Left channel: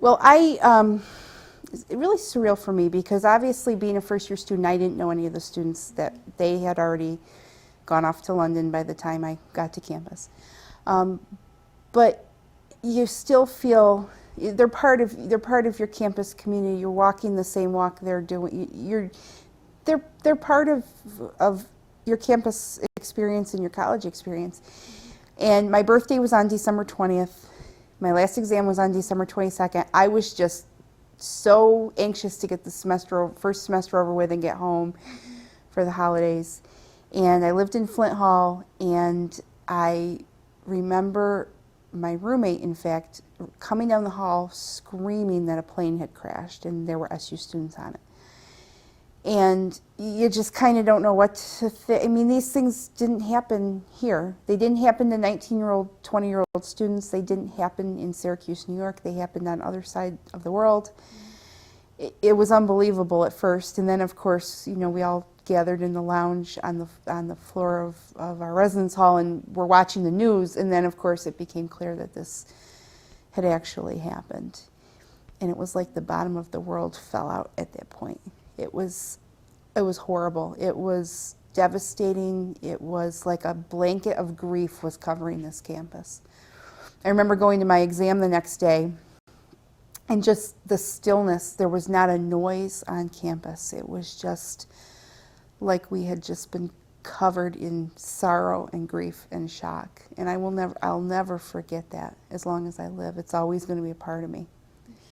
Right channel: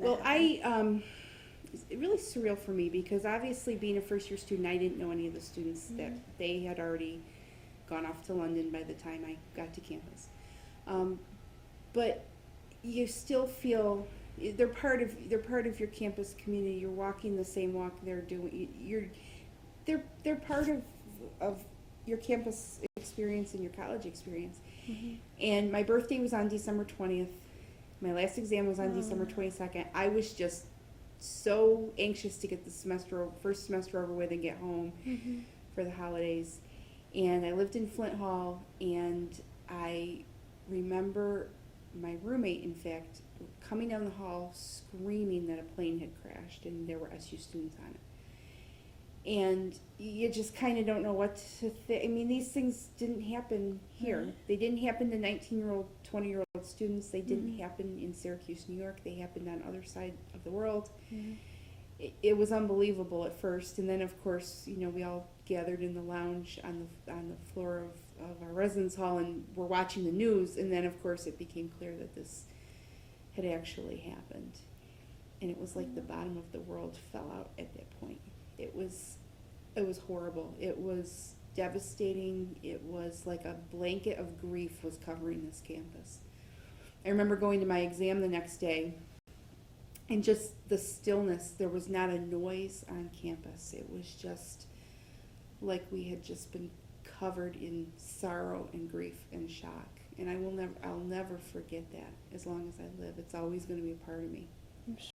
Well, it's really surreal for me because obviously being a first-year student, I didn't know any of the students that they had already gone off to London by the time I got to campus. But you still feel they're part of your campus community. You're walking the same walk they're doing. They're part of your campus experience and your college experience. And my birthday was on December 20th. My last exam was on December 22nd. I was just so anxious to get the first semester over with and get home for the holidays. And I lived in Flint Hall, and I remember my roommate, in fact, coming down the hall screaming that a plane had crashed and there were SU students on it. And you just kind of don't know what to think. I mean, these things didn't happen here. They didn't happen to 19-year-old, 20-year-old students. They didn't happen in Syracuse, New York. They happened on the other side of the world. It was unbelievable at first. And then, of course, you know, we all gathered in the lounge on the floor of our residence hall and were watching the news. And then, of course, it became clear that this had actually happened. And it was like the bottom of the world fell out at that point. It was horrible. It was devastating. It was like a blanket of grief was covering this campus. I remember going to my exam the next day, and just the stillness. There was not a noise on campus. It was just like we had just been covered in sorrow and grief and shock. And I'll never forget that as long as I live. It's always going to be a part of me.